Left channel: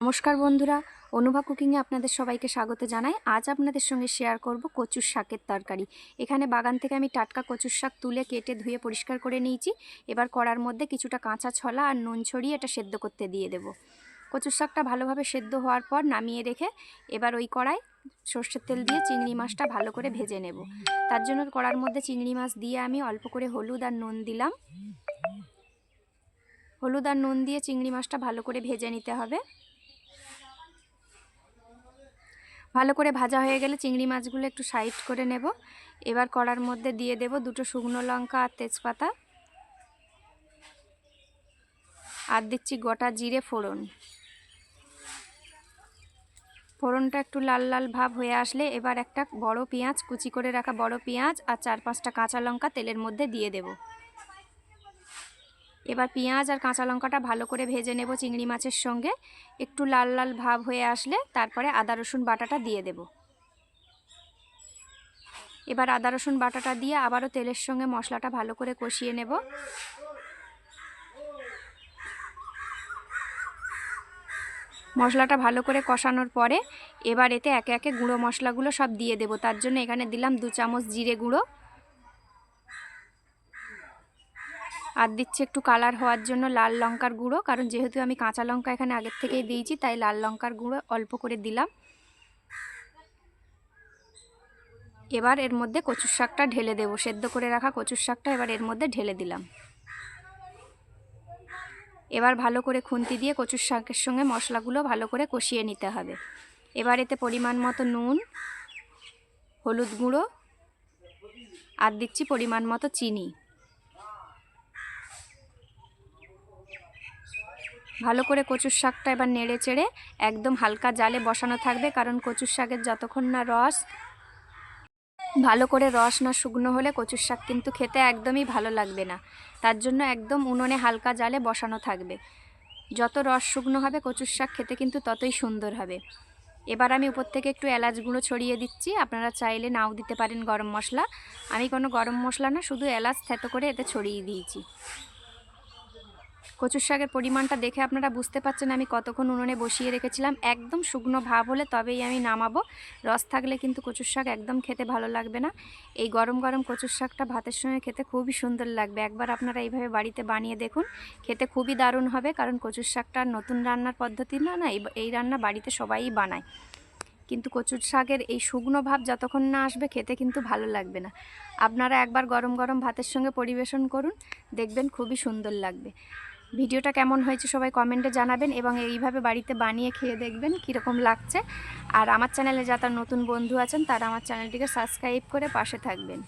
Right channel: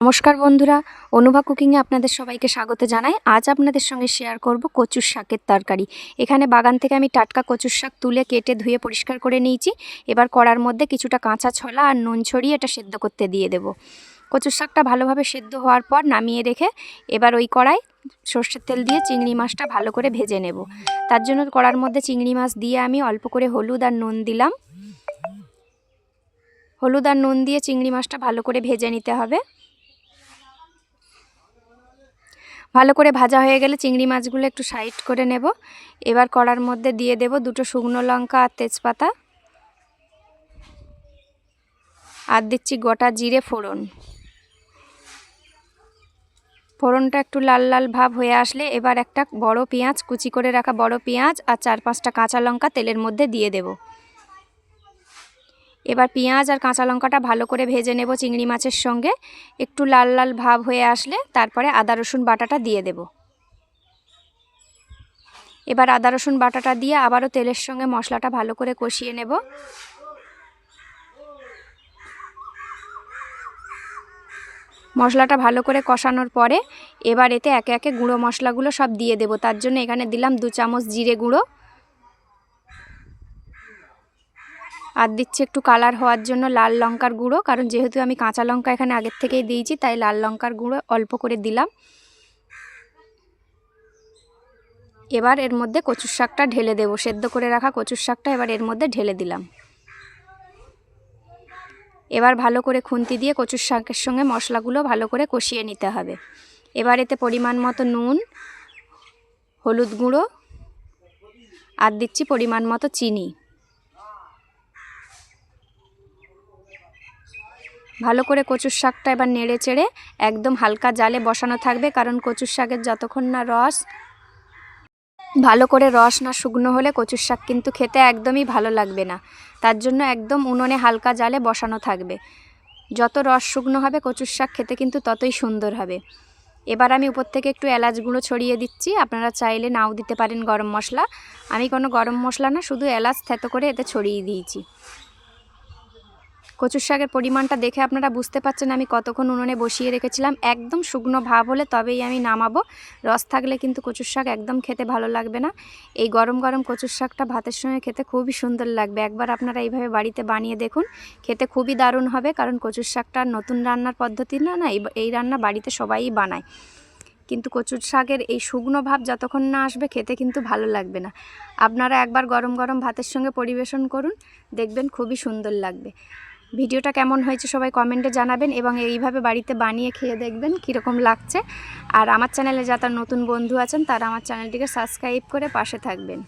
নমস্কার বন্ধুরা, অনুভা কুকিংয়ে আপনাদের সবাইকে স্বাগত জানাই। আজ আপনাদের সঙ্গে শেয়ার করব কচুর শাকের তরকারি। এখানে বাগান থেকে আমি টাটকা কচুর শাক তুলে কেটে ধুয়ে পরিষ্কার করে নিয়েছি। এবার কড়ার মধ্যে কিছুটা কাঁচা ছলা আর নুন ছড়িয়ে এটা সেদ্ধ করতে দিয়ে দেব। কচুর শাকটা ভালোভাবে সেদ্ধ হওয়ার পর নামিয়ে রেখে এবার ওই কড়াই সর্ষের তেল দিয়ে চিংড়ি মাছটা ভালো করে ভেজে নেব। তার জন্য কড়ার মধ্যে চিংড়ি মাছ দিয়ে আমি অল্প করে হলুদ আর নুন দিলাম। হলুদ আর নুন দিয়ে চিংড়ি মাছটা ভালো করে ভেজে নিতে হবে। ভালো করে ভাজা হয়ে গেলে চিংড়ি মাছগুলো একটু সাইড করে নেব। এবার কড়ার মধ্যে দিয়ে দেব দুটো শুকনো লঙ্কা আর তেজপাতা। আর দিচ্ছি গোটা জিরে ফোড়ন। ফোড়নটা একটু লাল লাল ভাব হয়ে আসলে এবার একটা বড় পেঁয়াজ, কুচি করে রাখা বড় পেঁয়াজ আর চার পাঁচটা কাঁচা লঙ্কা তেলের মধ্যে দিয়ে দেব। এবার পেঁয়াজ আর কাঁচা লঙ্কাটা ভালো করে ভেজে নেব চিংড়ি মাছের সঙ্গে। একটু লাল লাল ভাব হয়ে আসলে তারপরে আদা, রসুন বাটাটা দিয়ে দেব। এবার আদা, রসুন বাটাটা দিয়ে আবারও তেলের সঙ্গে মশলাটা ভালো করে কষিয়ে নেব। মশলাটা ভালো করে কষানোর পরে এবার এতে একে একে গুঁড়ো মশলাগুলো সব দিয়ে দেব। তার জন্য এখানে দিলাম দু চামচ জিরে গুঁড়ো। আর দিচ্ছি একটু কালার হওয়ার জন্য লাল লঙ্কার গুঁড়ো, কারণ যেহেতু আমি কাঁচা লঙ্কা এখানে আগের থেকেই দিয়েছি, তাই লাল লঙ্কার গুঁড়ো অল্প করে দিলাম। এবার এর মধ্যে কচুর শাকটা ঢেলে দেবো, সেদ্ধ করে রাখা কচুর শাকটা এবার এর মধ্যে ঢেলে দিলাম। এবার ভালো করে খুন্তি দিয়ে কচুর শাকের সঙ্গে মশলাগুলো ভালো করে কষিয়ে নিতে হবে। এবার এতে পরিমাণ মতো নুন, হলুদ গুঁড়ো, আর দিচ্ছি পরিমাণ মতো চিনি। ভালো করে কচুর শাকটা এবার নেড়ে চেড়ে একদম হালকা জালে বসানো থাকবে, কারণ কচুর শাকের যতক্ষণ না রস, ভালো করে রস না শুকনো হলে কচুর শাক কিন্তু খেতে একদমই ভালো লাগবে না। তার জন্য একদম উনুনে হালকা জালে বসানো থাকবে। যত রস শুকনো হবে কচুর শাক খেতে কিন্তু ততই সুন্দর হবে। এবার আমি উপর থেকে একটু এলাচ গুঁড়ো ছড়িয়ে দিচ্ছি, আপনারা চাইলে নাও দিতে পারেন গরম মশলা। আমি কোনো গরম মশলা না, শুধু এলাচ থেতো করে এতে ছড়িয়ে দিয়েছি। কচুর শাকের পরিমাণটা দেখে আপনারা বুঝতে পারছেন আমি কতক্ষণ উনুনে বসিয়ে রেখেছিলাম। একদম শুকনো ভাব হলে তবেই আমি নামাবো। রস থাকলে কিন্তু কচুর শাক একদম খেতে ভালো লাগবে না। এই গরম গরম কচুর শাকটা ভাতের সঙ্গে খেতে খুবই সুন্দর লাগবে। একবার আপনারা এইভাবে বাড়িতে বানিয়ে দেখুন, খেতে খুবই দারুণ হবে। কারণ কচুর শাকটা নতুন রান্নার পদ্ধতি না না, এই রান্না বাড়িতে সবাই বানায়। কিন্তু কচুর শাকের এই শুকনো ভাব যতক্ষণ না আসবে খেতে কিন্তু ভালো লাগবে না। আপনারা একবার গরম গরম ভাতের সঙ্গে পরিবেশন করুন, দেখবেন খুবই সুন্দর লাগবে। ভিডিওটা কেমন হয়েছে সবাই কমেন্টে জানাবেন এবং এইভাবে বাড়িতে বানিয়ে খেয়ে দেখবেন কীরকম লাগছে। আর আমার চ্যানেলে যারা নতুন বন্ধু আছেন, তারা আমার চ্যানেলটিকে সাবস্ক্রাইব করে পাশে থাকবেন।